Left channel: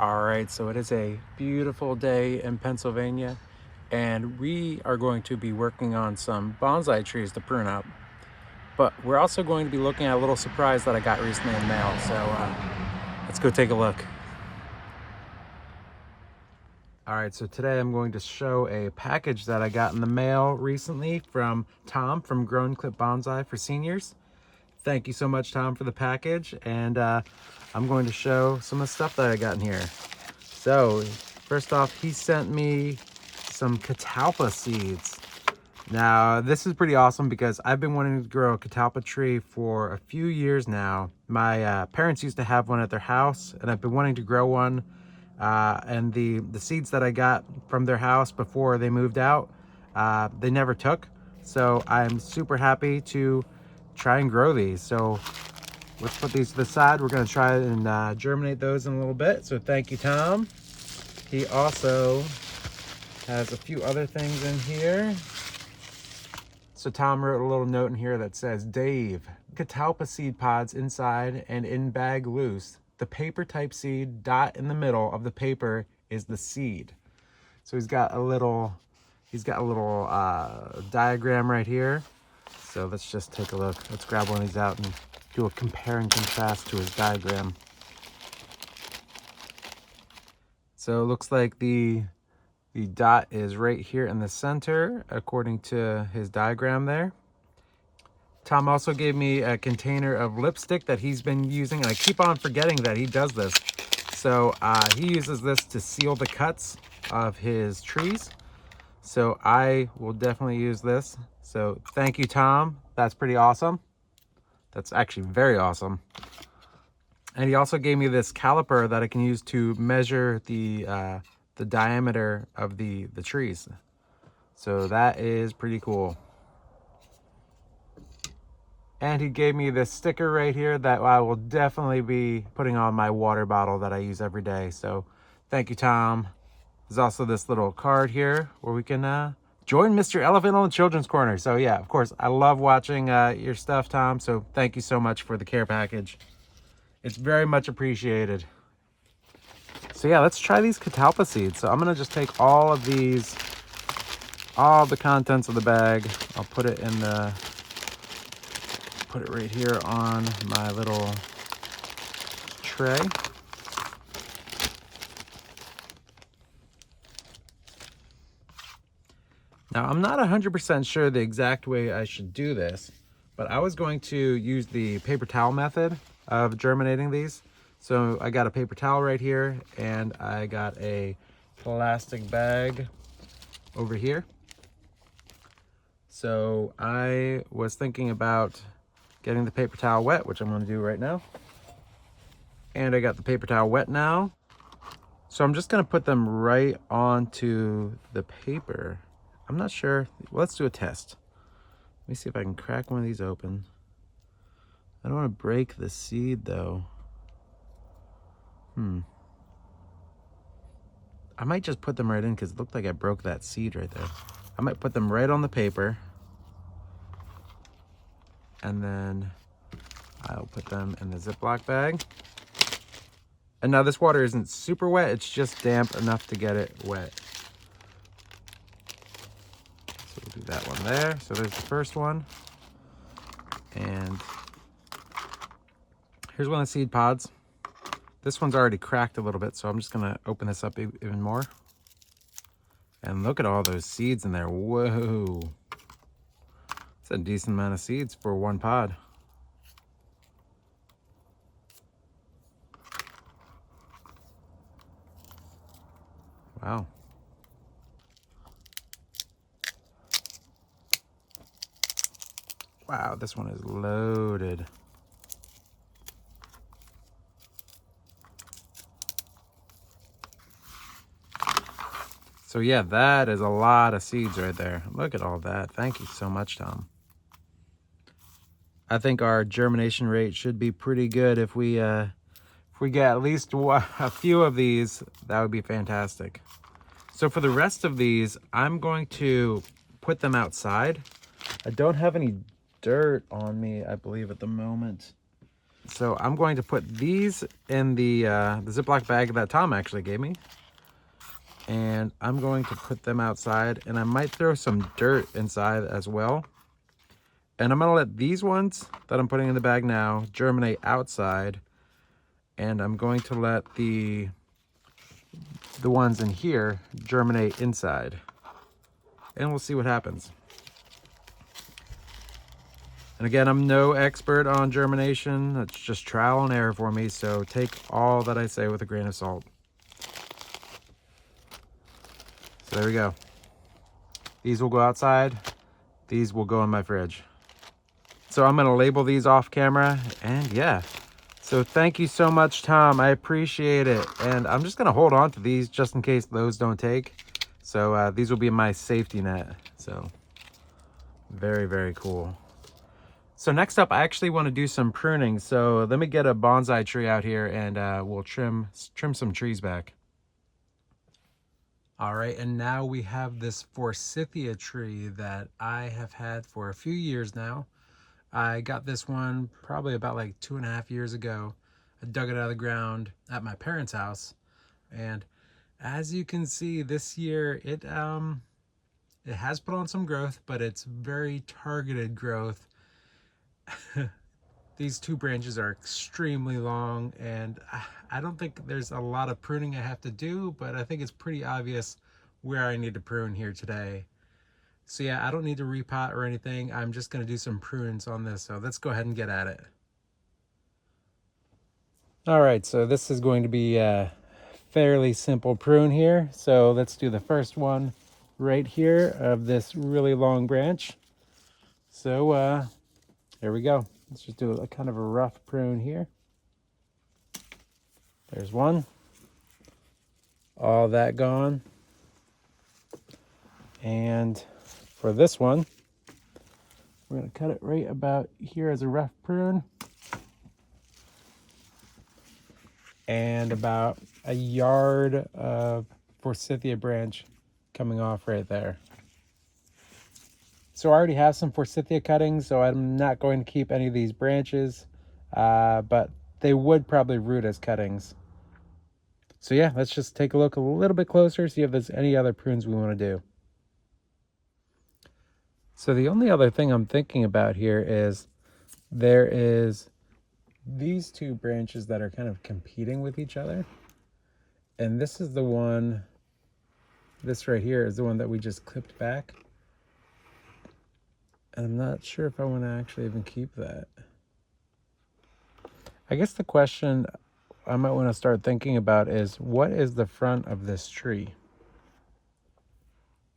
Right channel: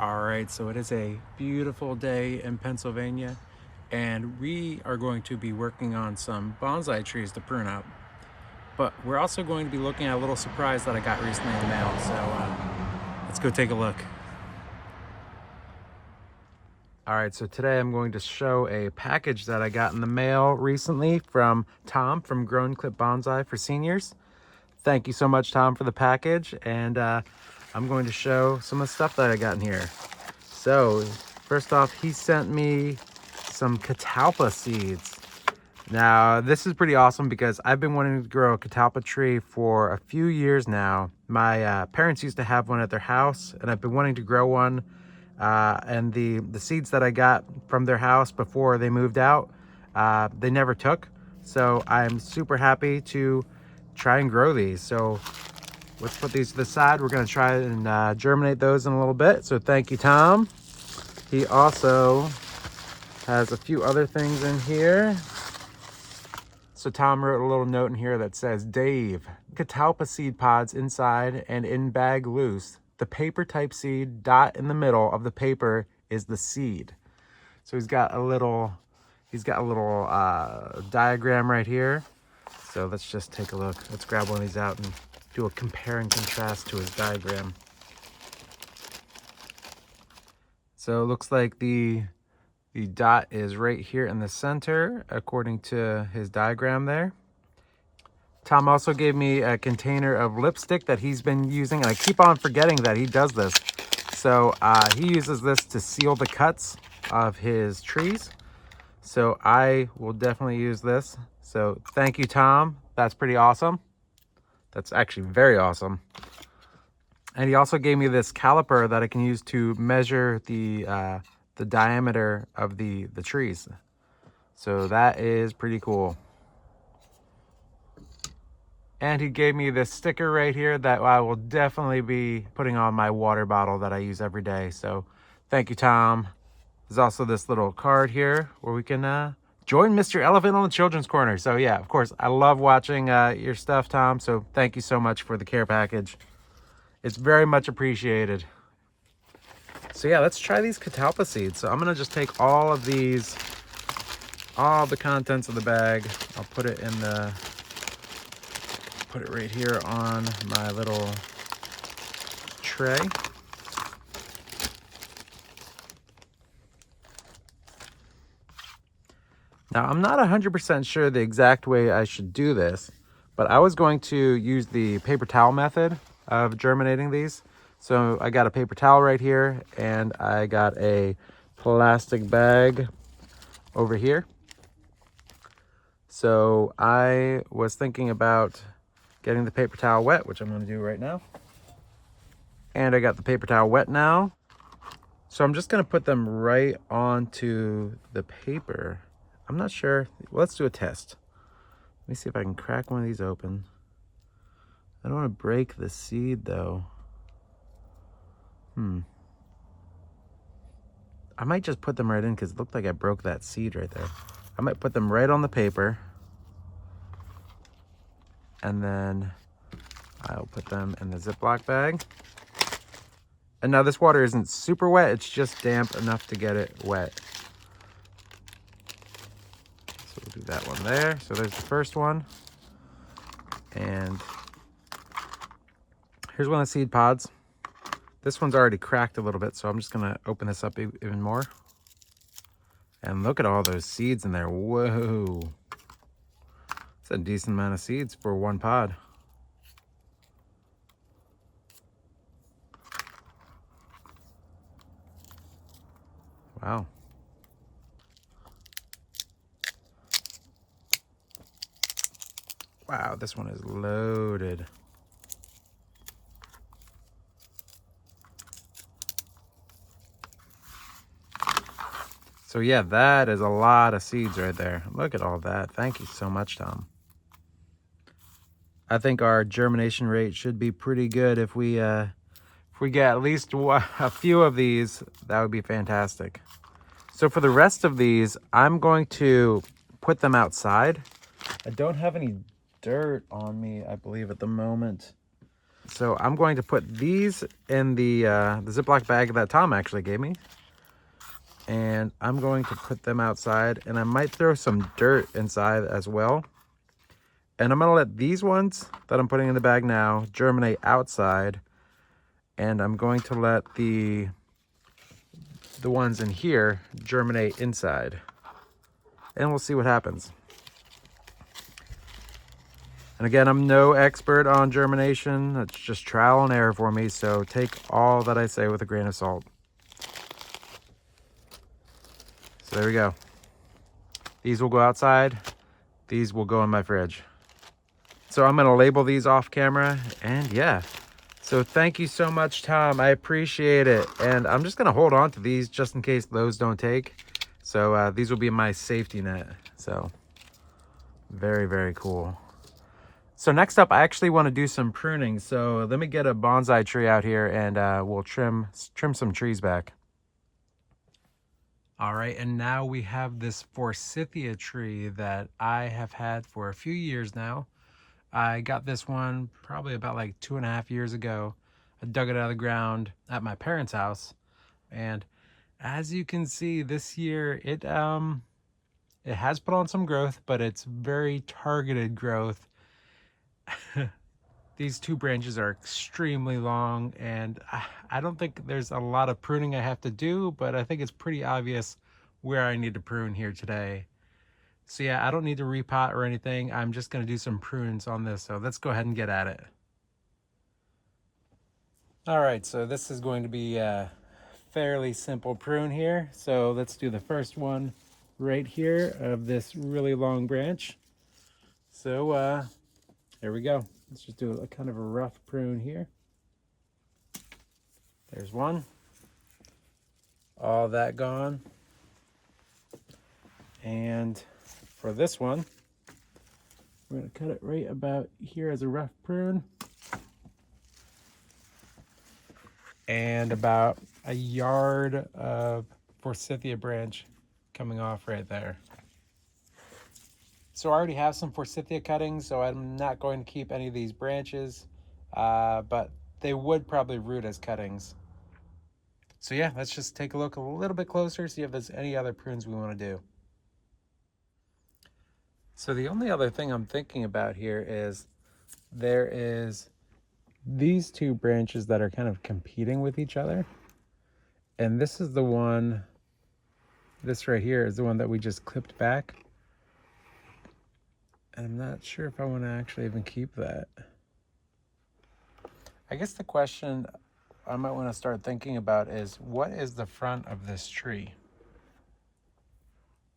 All right, so it is a beautiful day in Pennsylvania, and we are going to be working on some bonsai trees to prune up. But we're also going to be looking at a little surprise that I got recently in the mail. So let's go take a look. All right, so today I'm going to show a package that I got in the mail recently from Tom from Grown Clip Bonsai for seniors. Thank you so much, Tom, for the package. And I'm going to show some of the stuff that I got in here. So first off, he sent me some Catalpa seeds. Now, this is pretty awesome because I've been wanting to grow a Catalpa tree for a few years now. My parents used to have one at their house, and I've been wanting to grow one. And the seeds that I got from their house before they moved out, they never took. So I'm super happy to try and grow these. So let's put these to the side. We're going to try and germinate those in a little bit. So thank you, Tom. He also has a few other things in here. So Tom wrote a little note in here that says, Dave, Catalpa seed pods inside and in bag loose. The paper type seed dot in the middle of the paper is the seed. So he's got a little diagram right here. So let's just take a look. Let's grab one of these out and do a compare and contrast to his diagram. So it looks like the dot is right here in the center, according to his diagram there. Tom also gave me a container of lipstick that he's been using, and I keep on forgetting that he does this. So he uses this to seal the cuts of his trees. So I will definitely use this. So thank you, Tom. That's pretty awesome. That's actually very awesome. And he also gave me this caliper that I can use to measure the diameter of the trees. So that is pretty cool. And he gave me this sticker right here that I will definitely be putting on my water bottle that I use every day. So thank you, Tom. There's also this little card here where we can join Mr. Elephant on the Children's Corner. So yeah, of course, I love watching your stuff, Tom. So thank you so much for the care package. It's very much appreciated. So yeah, let's try these Catalpa seeds. So I'm gonna just take all of these, all the contents of the bag. I'll put it right here on my little tray. Now, I'm not 100% sure the exact way I should do this, but I was going to use the paper towel method of germinating these. So I got a paper towel right here, and I got a plastic bag over here. So I was thinking about getting the paper towel wet, which I'm going to do right now. And I got the paper towel wet now. So I'm just going to put them right onto the paper. I'm not sure. Let's do a test. Let me see if I can crack one of these open. I don't want to break the seed though. I might just put them right in because it looked like I broke that seed right there. I might put them right on the paper. And then I'll put them in the Ziploc bag. And now this water isn't super wet. It's just damp enough to get it wet. So we'll do that one there. So there's the first one. And here's one of the seed pods. This one's already cracked a little bit, so I'm just gonna open this up even more. And look at all those seeds in there. Whoa. It's a decent amount of seeds for one pod. Wow. Wow, this one is loaded. So yeah, that is a lot of seeds right there. Look at all that. Thank you so much, Tom. I think our germination rate should be pretty good if we get at least a few of these. That would be fantastic. So for the rest of these, I'm going to put them outside. I don't have any dirt on me, I believe, at the moment. So I'm going to put these in the Ziploc bag that Tom actually gave me. And I'm going to put them outside, and I might throw some dirt inside as well. And I'm gonna let these ones that I'm putting in the bag now germinate outside. And I'm going to let the ones in here germinate inside. And we'll see what happens. And again, I'm no expert on germination. It's just trial and error for me. So take all that I say with a grain of salt. So there we go. These will go outside. These will go in my fridge. So I'm gonna label these off camera, and yeah. So thank you so much, Tom. I appreciate it. And I'm just gonna hold on to these just in case those don't take. So these will be my safety net. So very, very cool. So next up, I actually want to do some pruning. So let me get a bonsai tree out here, and we'll trim some trees back. All right, and now we have this Forsythia tree that I have had for a few years now. I got this one probably about like 2.5 years ago. I dug it out of the ground at my parents' house, and as you can see, this year it has put on some growth, but it's very targeted growth. These two branches are extremely long, and I don't think there's a lot of pruning I have to do, but I think it's pretty obvious where I need to prune here today. So yeah, I don't need to repot or anything. I'm just going to do some prunes on this. So let's go ahead and get at it. All right, so this is going to be a fairly simple prune here. So let's do the first one right here of this really long branch. So here we go. Let's just do a kind of a rough prune here. There's one. All that gone. And for this one, we're going to cut it right about here as a rough prune. And about a yard of Forsythia branch coming off right there. So I already have some Forsythia cuttings, so I'm not going to keep any of these branches, but they would probably root as cuttings. So yeah, let's just take a look a little bit closer, see if there's any other prunes we want to do. So the only other thing I'm thinking about here is there is these two branches that are kind of competing with each other. And this is the one, this right here is the one that we just clipped back. I'm not sure if I want to actually even keep that. I guess the question I might want to start thinking about is, what is the front of this tree?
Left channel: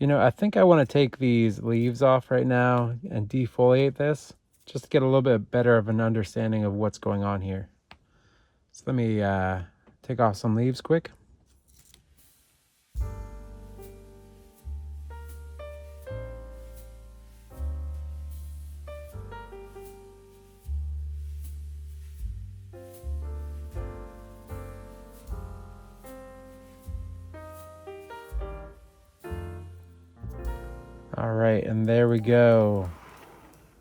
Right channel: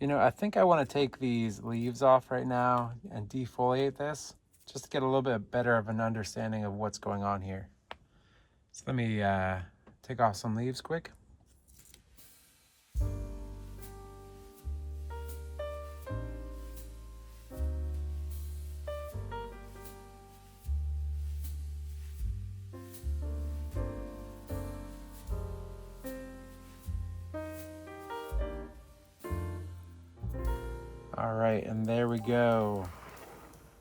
You know, I think I want to take these leaves off right now and defoliate this, just to get a little bit better of an understanding of what's going on here. So let me take off some leaves quick. All right, and there we go.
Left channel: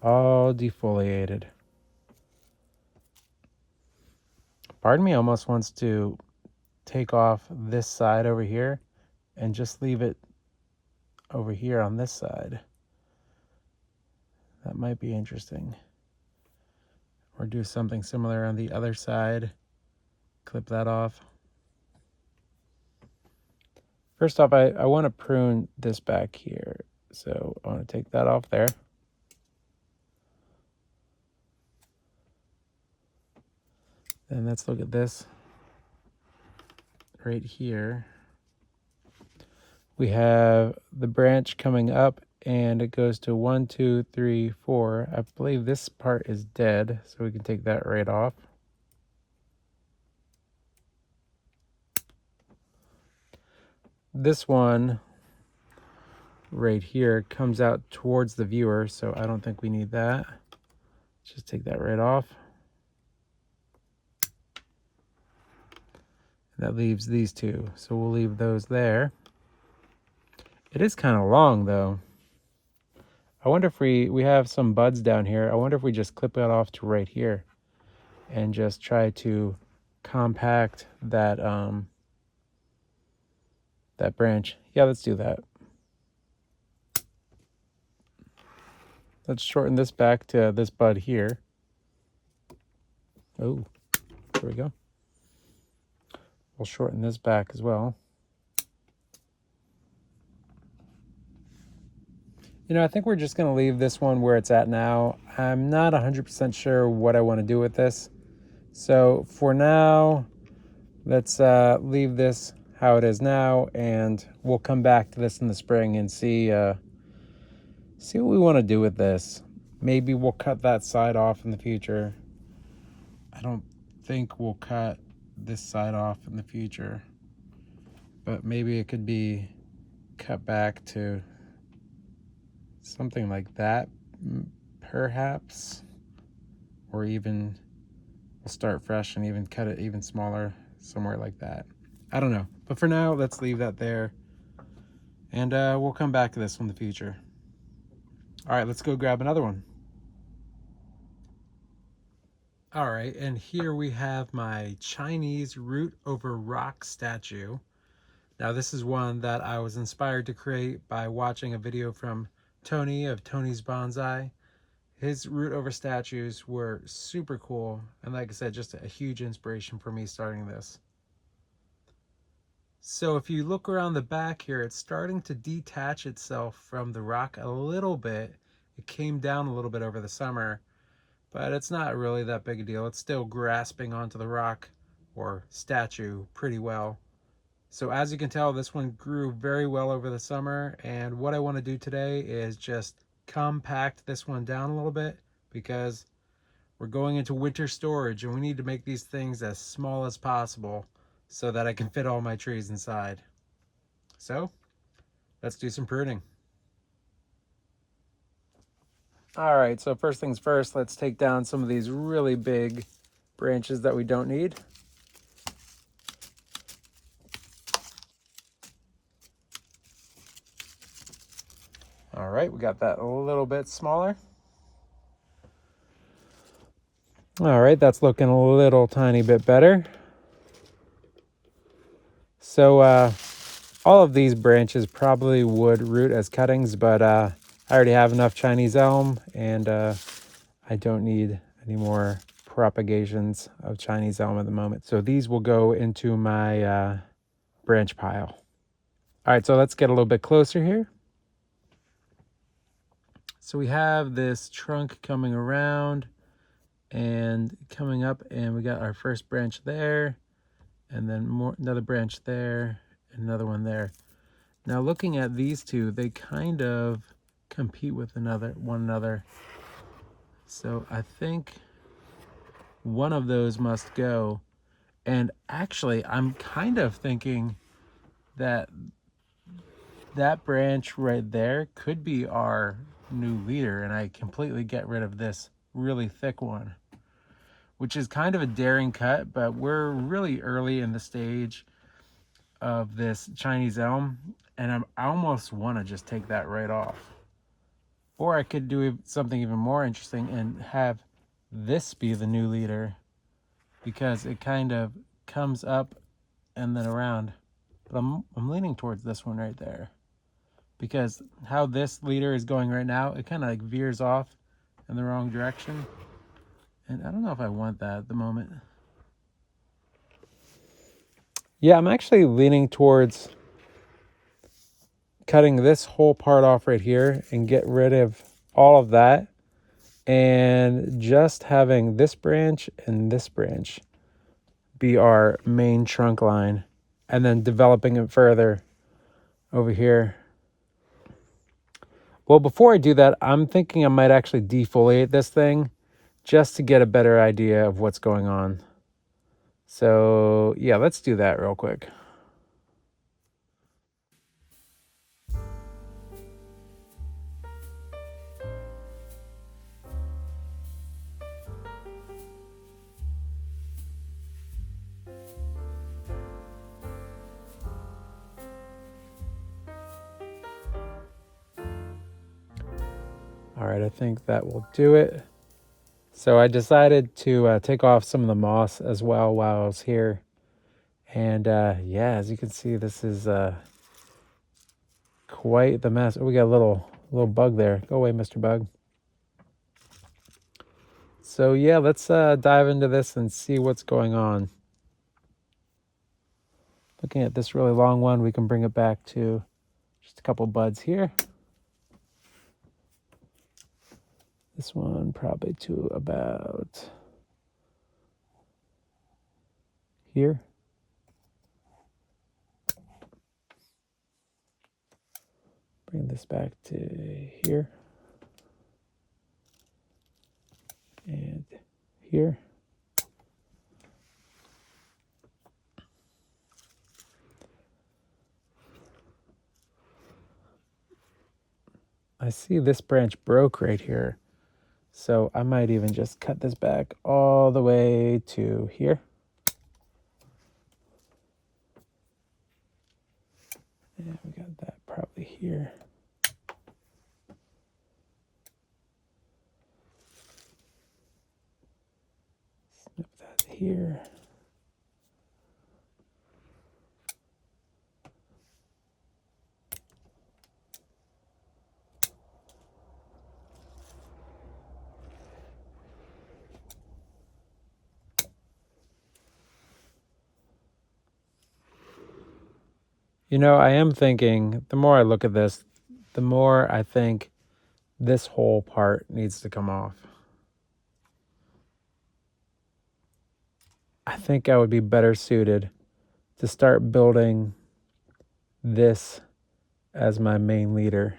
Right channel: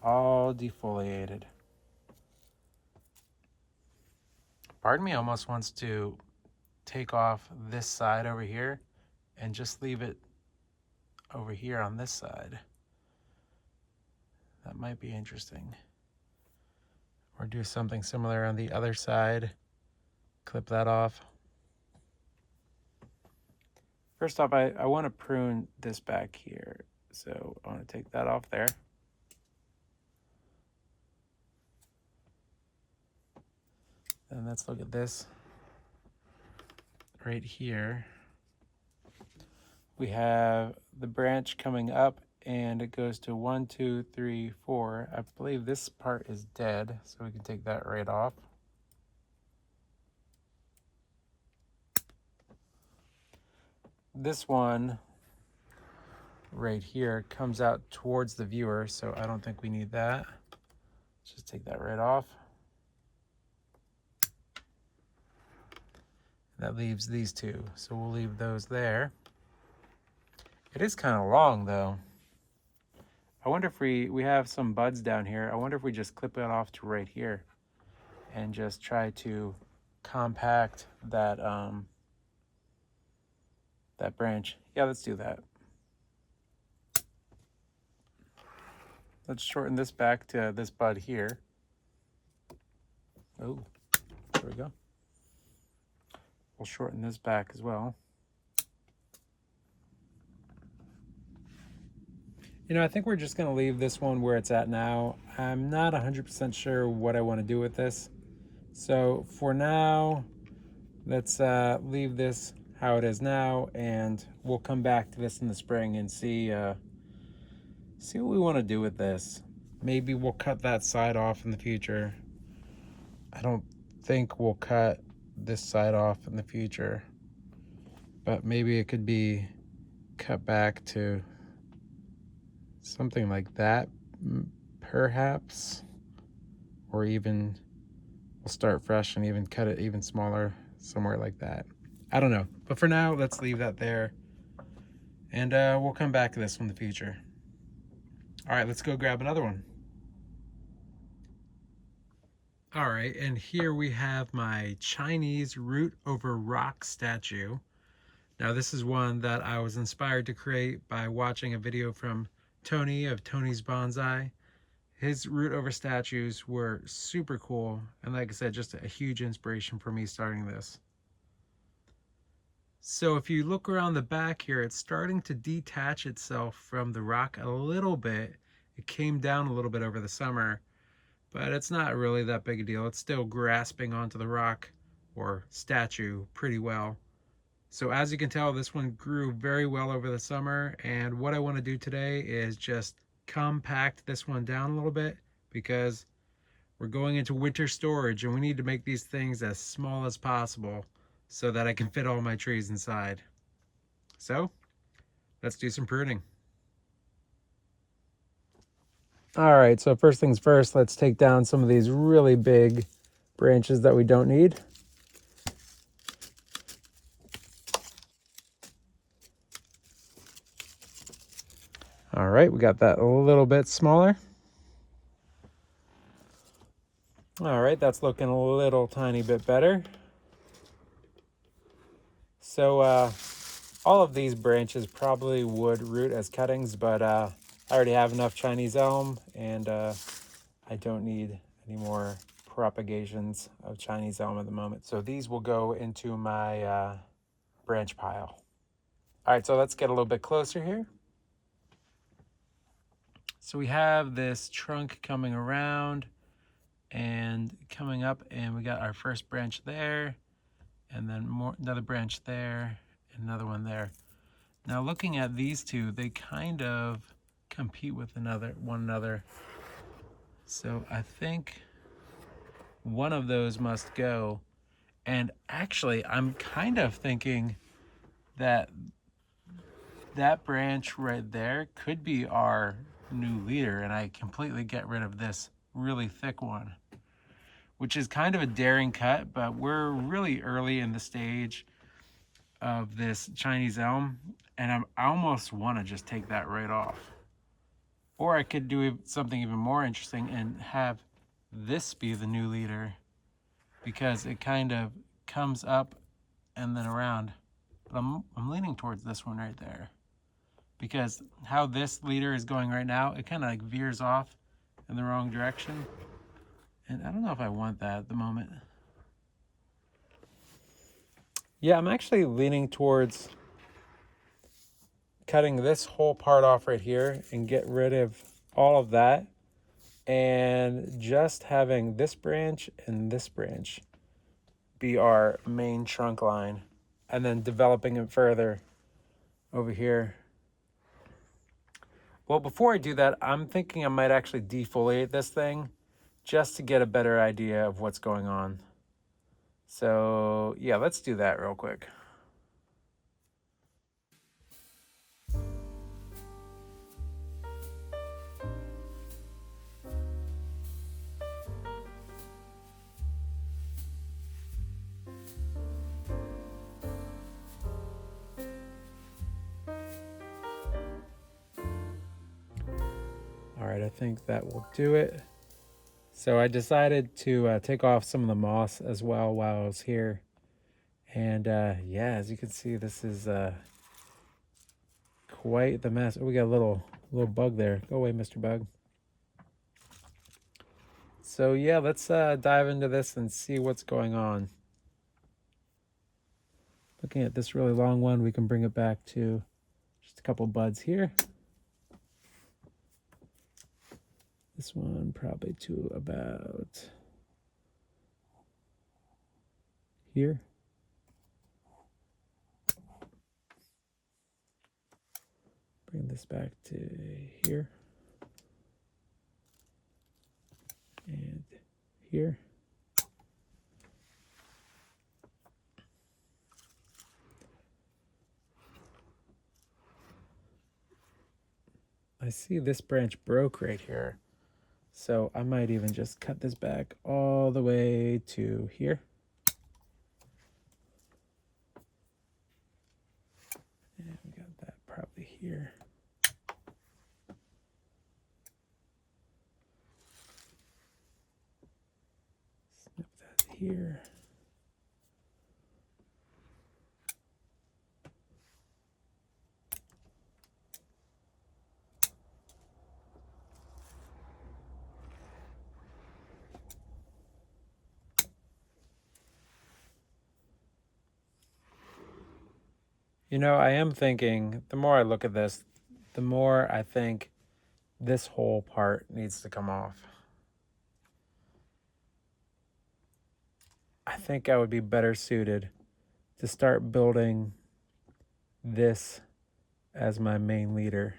All defoliated. Part of me almost wants to take off this side over here and just leave it over here on this side. That might be interesting. Or do something similar on the other side. Clip that off. First off, I want to prune this back here. So I want to take that off there. And let's look at this right here. We have the branch coming up, and it goes to 1, 2, 3, 4. I believe this part is dead, so we can take that right off. This one right here comes out towards the viewer, so I don't think we need that. Just take that right off. That leaves these two, so we'll leave those there. It is kind of long though. I wonder if we have some buds down here. I wonder if we just clip it off to right here. and just try to compact that that branch. Yeah, let's do that. Let's shorten this back to this bud here. Oh, there we go. We'll shorten this back as well. You know, I think we're just going to leave this one where it's at now. I'm not 100% sure what I want to do with this. So for now, let's leave this how it is now, and we'll come back to this in the spring and see what we want to do with this. Maybe we'll cut that side off in the future. I don't think we'll cut this side off in the future, but maybe it could be cut back to something like that, perhaps, or even we'll start fresh and even cut it even smaller somewhere like that. I don't know, but for now, let's leave that there, and we'll come back to this in the future. All right, let's go grab another one. All right, and here we have my Chinese root over rock statue. Now, this is one that I was inspired to create by watching a video from Tony of Tony's Bonsai. His root over statues were super cool, and like I said, just a huge inspiration for me starting this. So if you look around the back here, it's starting to detach itself from the rock a little bit. It came down a little bit over the summer, but it's not really that big a deal. It's still grasping onto the rock or statue pretty well. So as you can tell, this one grew very well over the summer, and what I want to do today is just compact this one down a little bit, because we're going into winter storage and we need to make these things as small as possible so that I can fit all my trees inside. So let's do some pruning. All right, so first things first, let's take down some of these really big branches that we don't need. All right, we got that a little bit smaller. All right, that's looking a little tiny bit better. So all of these branches probably would root as cuttings, but I already have enough Chinese elm, and I don't need any more propagations of Chinese elm at the moment. So these will go into my branch pile. All right, so let's get a little bit closer here. So we have this trunk coming around and coming up, and we got our first branch there, and then another branch there, and another one there. Now looking at these two, they kind of compete with one another. So I think one of those must go. And actually, I'm kind of thinking that that branch right there could be our new leader, and I completely get rid of this really thick one, which is kind of a daring cut, but we're really early in the stage of this Chinese elm, and I almost want to just take that right off. Or I could do something even more interesting and have this be the new leader, because it kind of comes up and then around. But I'm leaning towards this one right there, because how this leader is going right now, it kind of like veers off in the wrong direction. And I don't know if I want that at the moment. Yeah, I'm actually leaning towards cutting this whole part off right here and get rid of all of that, and just having this branch and this branch be our main trunk line, and then developing it further over here. Well, before I do that, I'm thinking I might actually defoliate this thing just to get a better idea of what's going on. So yeah, let's do that real quick. All right, I think that will do it. So I decided to take off some of the moss as well while I was here. And yeah, as you can see, this is quite the mess. Oh, we got a little bug there. Go away, Mr. Bug. So yeah, let's dive into this and see what's going on. Looking at this really long one, we can bring it back to just a couple buds here. This one probably to about here. Bring this back to here. And here. I see this branch broke right here. So I might even just cut this back all the way to here. And we got that probably here. Snip that here. You know, I am thinking, the more I look at this, the more I think this whole part needs to come off. I think I would be better suited to start building this as my main leader.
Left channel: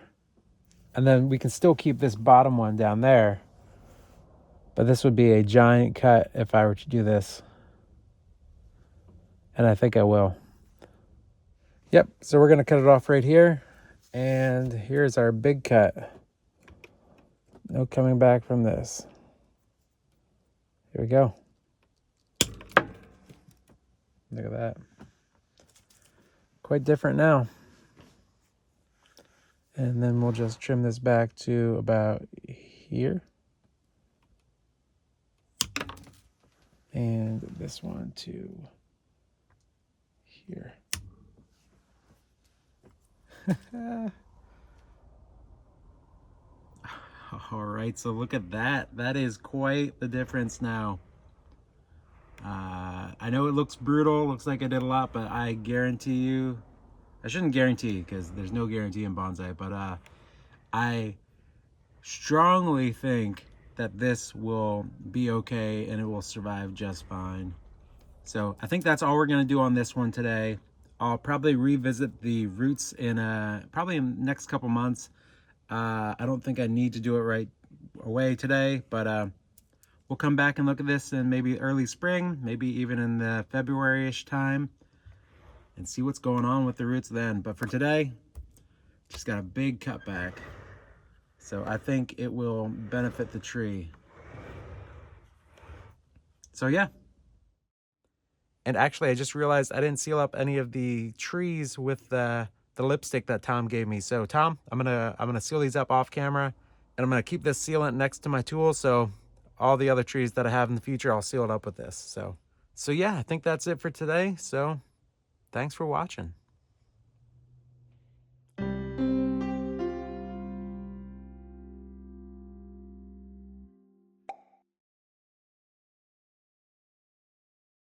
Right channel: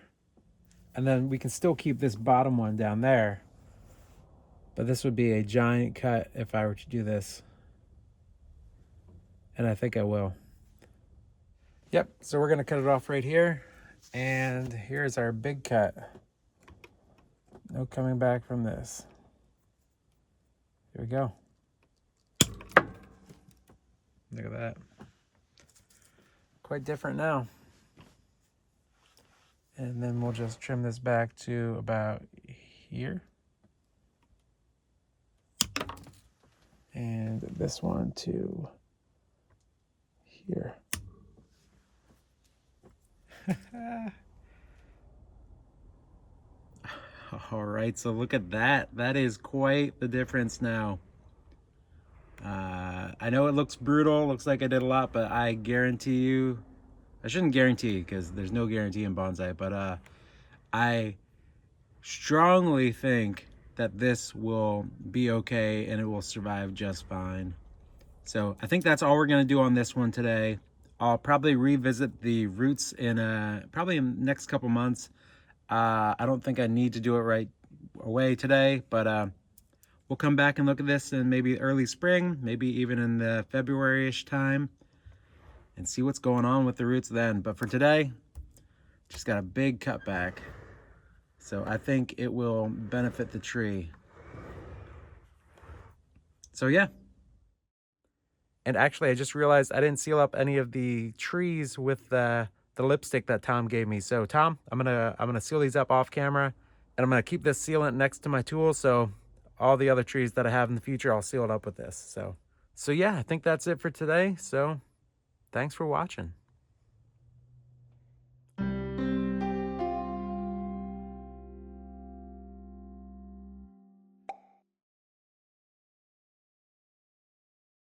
And then we can still keep this bottom one down there, but this would be a giant cut if I were to do this. And I think I will. Yep, so we're gonna cut it off right here. And here's our big cut. No coming back from this. Here we go. Look at that. Quite different now. And then we'll just trim this back to about here. And this one to here. All right, so look at that. That is quite the difference now. I know it looks brutal, looks like I did a lot, but I guarantee you, I shouldn't guarantee because there's no guarantee in bonsai, but I strongly think that this will be okay and it will survive just fine. So I think that's all we're gonna do on this one today. I'll probably revisit the roots in probably in the next couple months. I don't think I need to do it right away today, but we'll come back and look at this in maybe early spring, maybe even in the February-ish time, and see what's going on with the roots then. But for today, just got a big cutback. So I think it will benefit the tree. So yeah. And actually, I just realized I didn't seal up any of the trees with the lipstick that Tom gave me. So Tom, I'm gonna seal these up off camera, and I'm gonna keep this sealant next to my tool. So all the other trees that I have in the future, I'll seal it up with this. So yeah, I think that's it for today. So thanks for watching.